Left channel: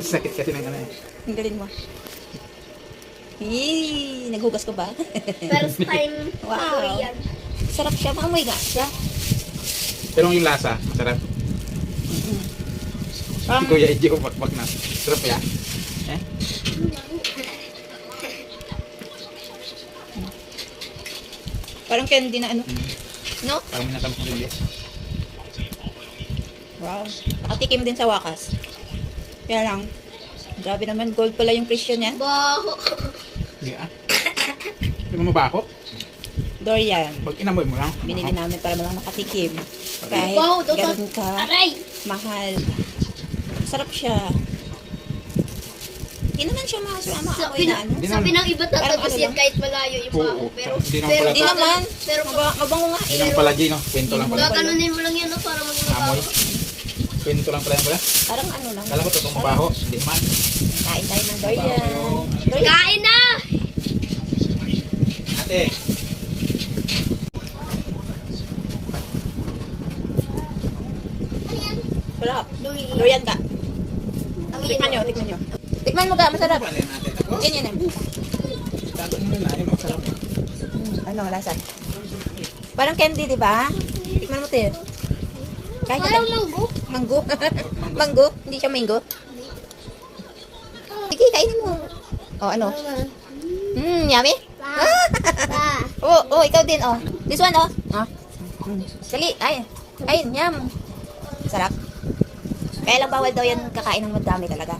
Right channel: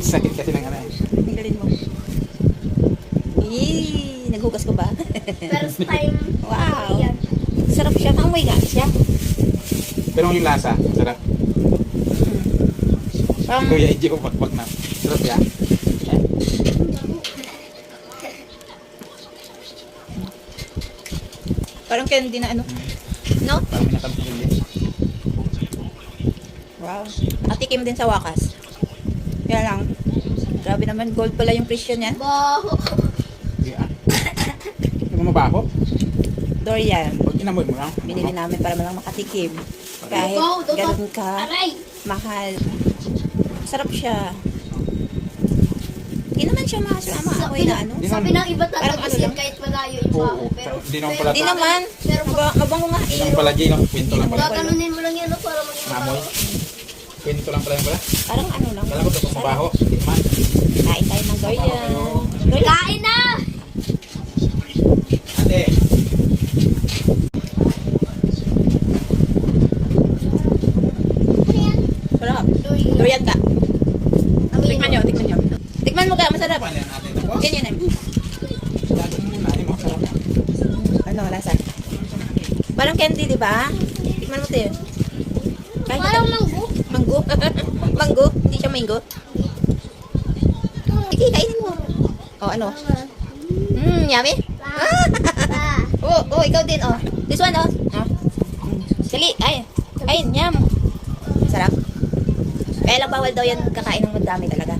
Sakit kasi ng ano eh. Ang galing mo. Naghugas ko ba? First time. Wow. Yan. Sarap siya. Maamoy nga siya. Pero yung lasa, sarap. Parang, Kuya, hindi ko bakbak na. Sarap ya. parang candy na ano. No? Parang minatamis na rin yan. Wow. Nakatikim din sa wakas. Kaya lang, grabe naman, gold pala yung presyo niyan. Baho. Hindi ah. Hindi mo mabaho. Dorian. Pag inamoy mo lang. Binili namin para lang makatikim. Kahit Wow, ito, ganun ka, Aray. mahal. Sarap siya. Hindi naman siya maamoy na ano. Hindi Sabi naman. ng iba Parang tatapos ano yan lang? kahit malayo yung Oo, baho. Pero, hindi naman pala. Hindi naman. Pero Mabango nga Hindi eh. naman pala, Gino. Kwento lang pala. gaganunin mo lang yan no, para maging Amoy. mabaho. Kwento lang pala yan pala. Parang ano lang. Kala ko totoong mabaho. Hindi naman. Kain tayo ng durian. Durian. Kain na! Ate. Sarap. Durian. Durian ka. Ang Tikman nyo, tikman nyo. Tikman mo ka, masarap. Ano yan ate? Tapos? Yan yan. Gagawin mo na. Ayun, masarap. Ano, lasa? Parang candy, di ba? Tikman mo tayo. Kahit Parang manggo. Manggo. Manggo. Hindi siya mango. Sige, kainin mo. Oh, ano? Yummy? Oh, ikaw din, oh. This one, oh. Oh. Dali, ay. Ay, yum. Sarap. Kaya lang bawal daw yan kakain ng madami talaga.